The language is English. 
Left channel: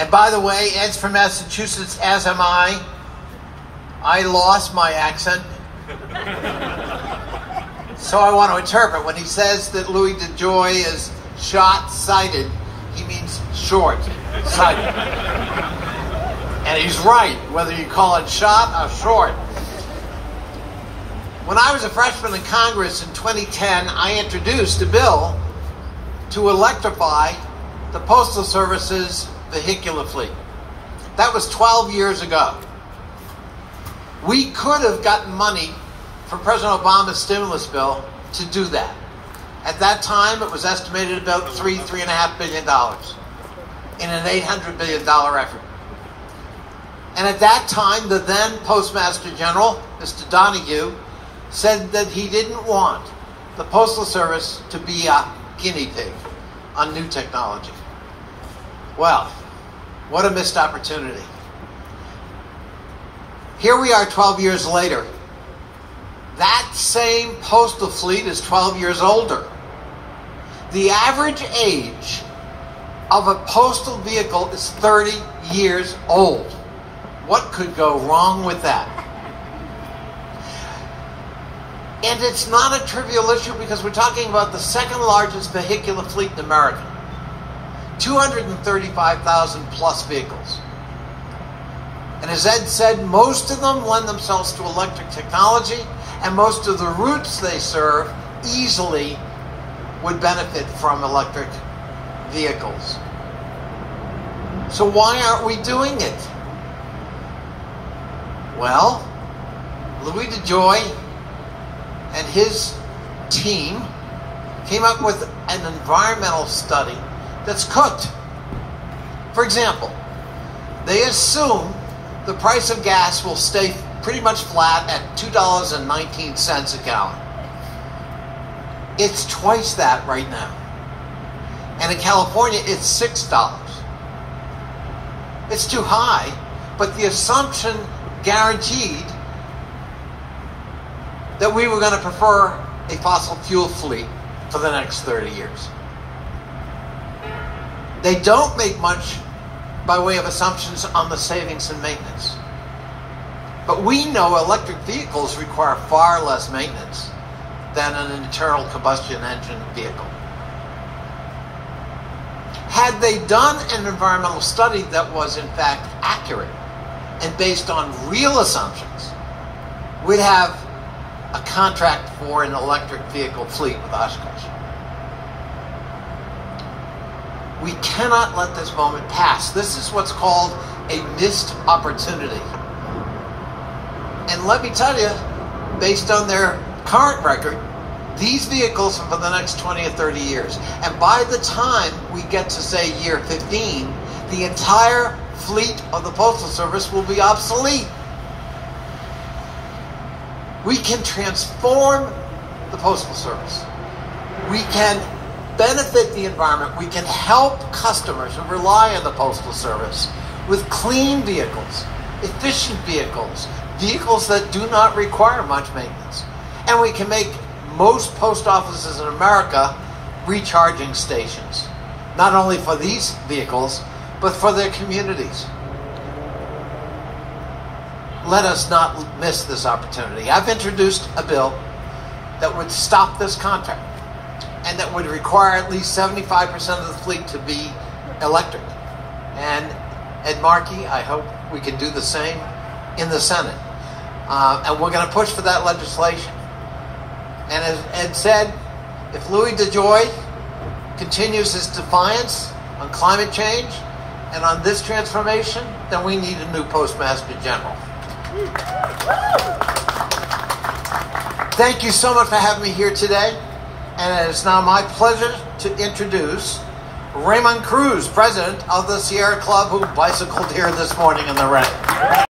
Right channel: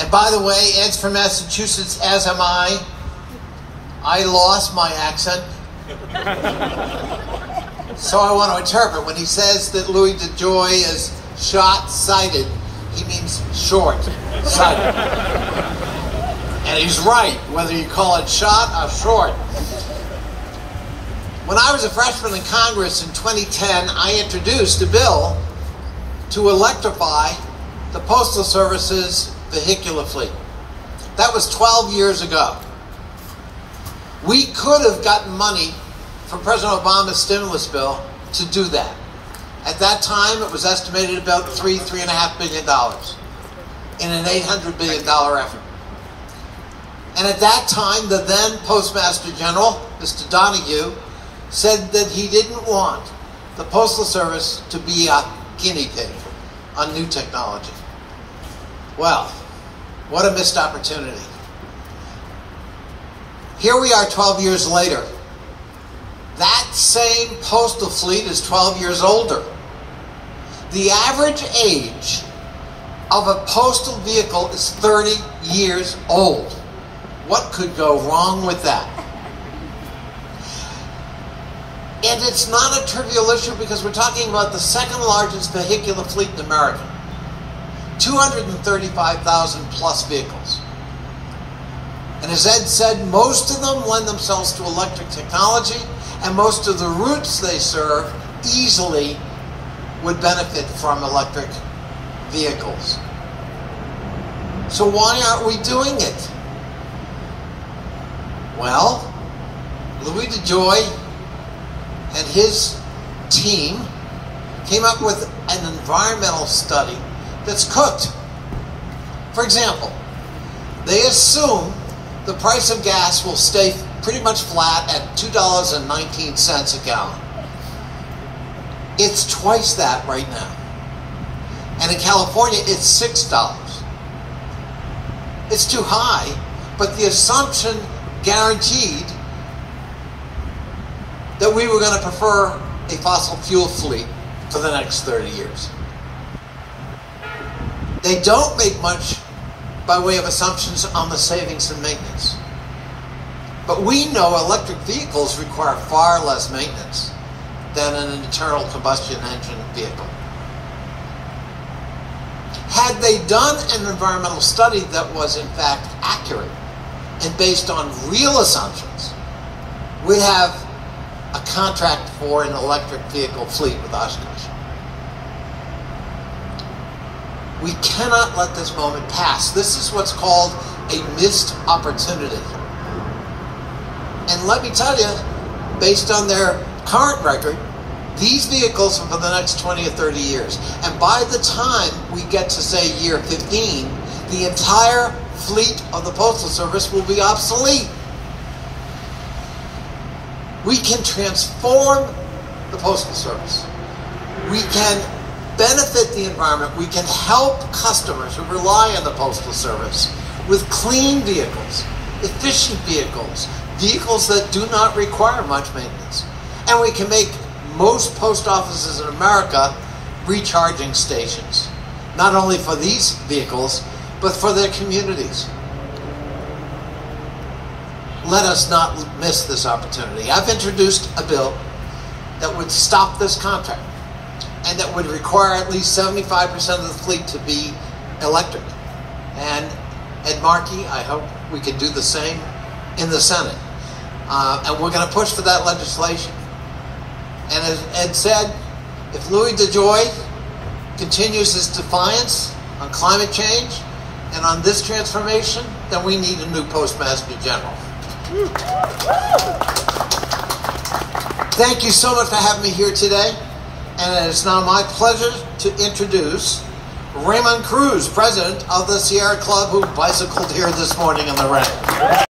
And by the way, Ed's from Massachusetts, as am I. I lost my accent. So I want to interpret. When he says that Louis DeJoy is short-sighted, he means short-sighted. And he's right, whether you call it short or short. When I was a freshman in Congress in 2010, I introduced a bill to electrify the Postal Service's vehicular fleet. That was 12 years ago. We could have gotten money from President Obama's stimulus bill to do that. At that time, it was estimated about $3.5 billion in an $800 billion effort. And at that time, the then Postmaster General, Mr. Donahue, said that he didn't want the Postal Service to be a guinea pig on new technology. Well, what a missed opportunity. Here we are 12 years later. That same postal fleet is 12 years older. The average age of a postal vehicle is 30 years old. What could go wrong with that? And it's not a trivial issue because we're talking about the second largest vehicular fleet in America. 235,000 plus vehicles. And as Ed said, most of them lend themselves to electric technology, and most of the routes they serve easily would benefit from electric vehicles. So why aren't we doing it? Well, Louis DeJoy and his team came up with an environmental study that's cooked. For example, they assume the price of gas will stay pretty much flat at $2.19 a gallon. It's twice that right now. And in California, it's $6. It's too high, but the assumption guaranteed that we were going to prefer a fossil fuel fleet for the next 30 years. They don't make much by way of assumptions on the savings and maintenance. But we know electric vehicles require far less maintenance than an internal combustion engine vehicle. Had they done an environmental study that was in fact accurate and based on real assumptions, we'd have a contract for an electric vehicle fleet with Oshkosh. We cannot let this moment pass. This is what's called a missed opportunity. And let me tell you, based on their current record, these vehicles are for the next 20 or 30 years. And by the time we get to, say, year 15, the entire fleet of the Postal Service will be obsolete. We can transform the Postal Service. We can benefit the environment. We can help customers who rely on the Postal Service with clean vehicles, efficient vehicles, vehicles that do not require much maintenance. And we can make most post offices in America recharging stations, not only for these vehicles, but for their communities. Let us not miss this opportunity. I've introduced a bill that would stop this contract and that would require at least 75% of the fleet to be electric. And Ed Markey, I hope we can do the same in the Senate. And we're going to push for that legislation. And as Ed said, if Louis DeJoy continues his defiance on climate change and on this transformation, then we need a new Postmaster General. Thank you so much for having me here today. And it's now my pleasure to introduce Raymond Cruz, president of the Sierra Club, who bicycled here this morning in the rain.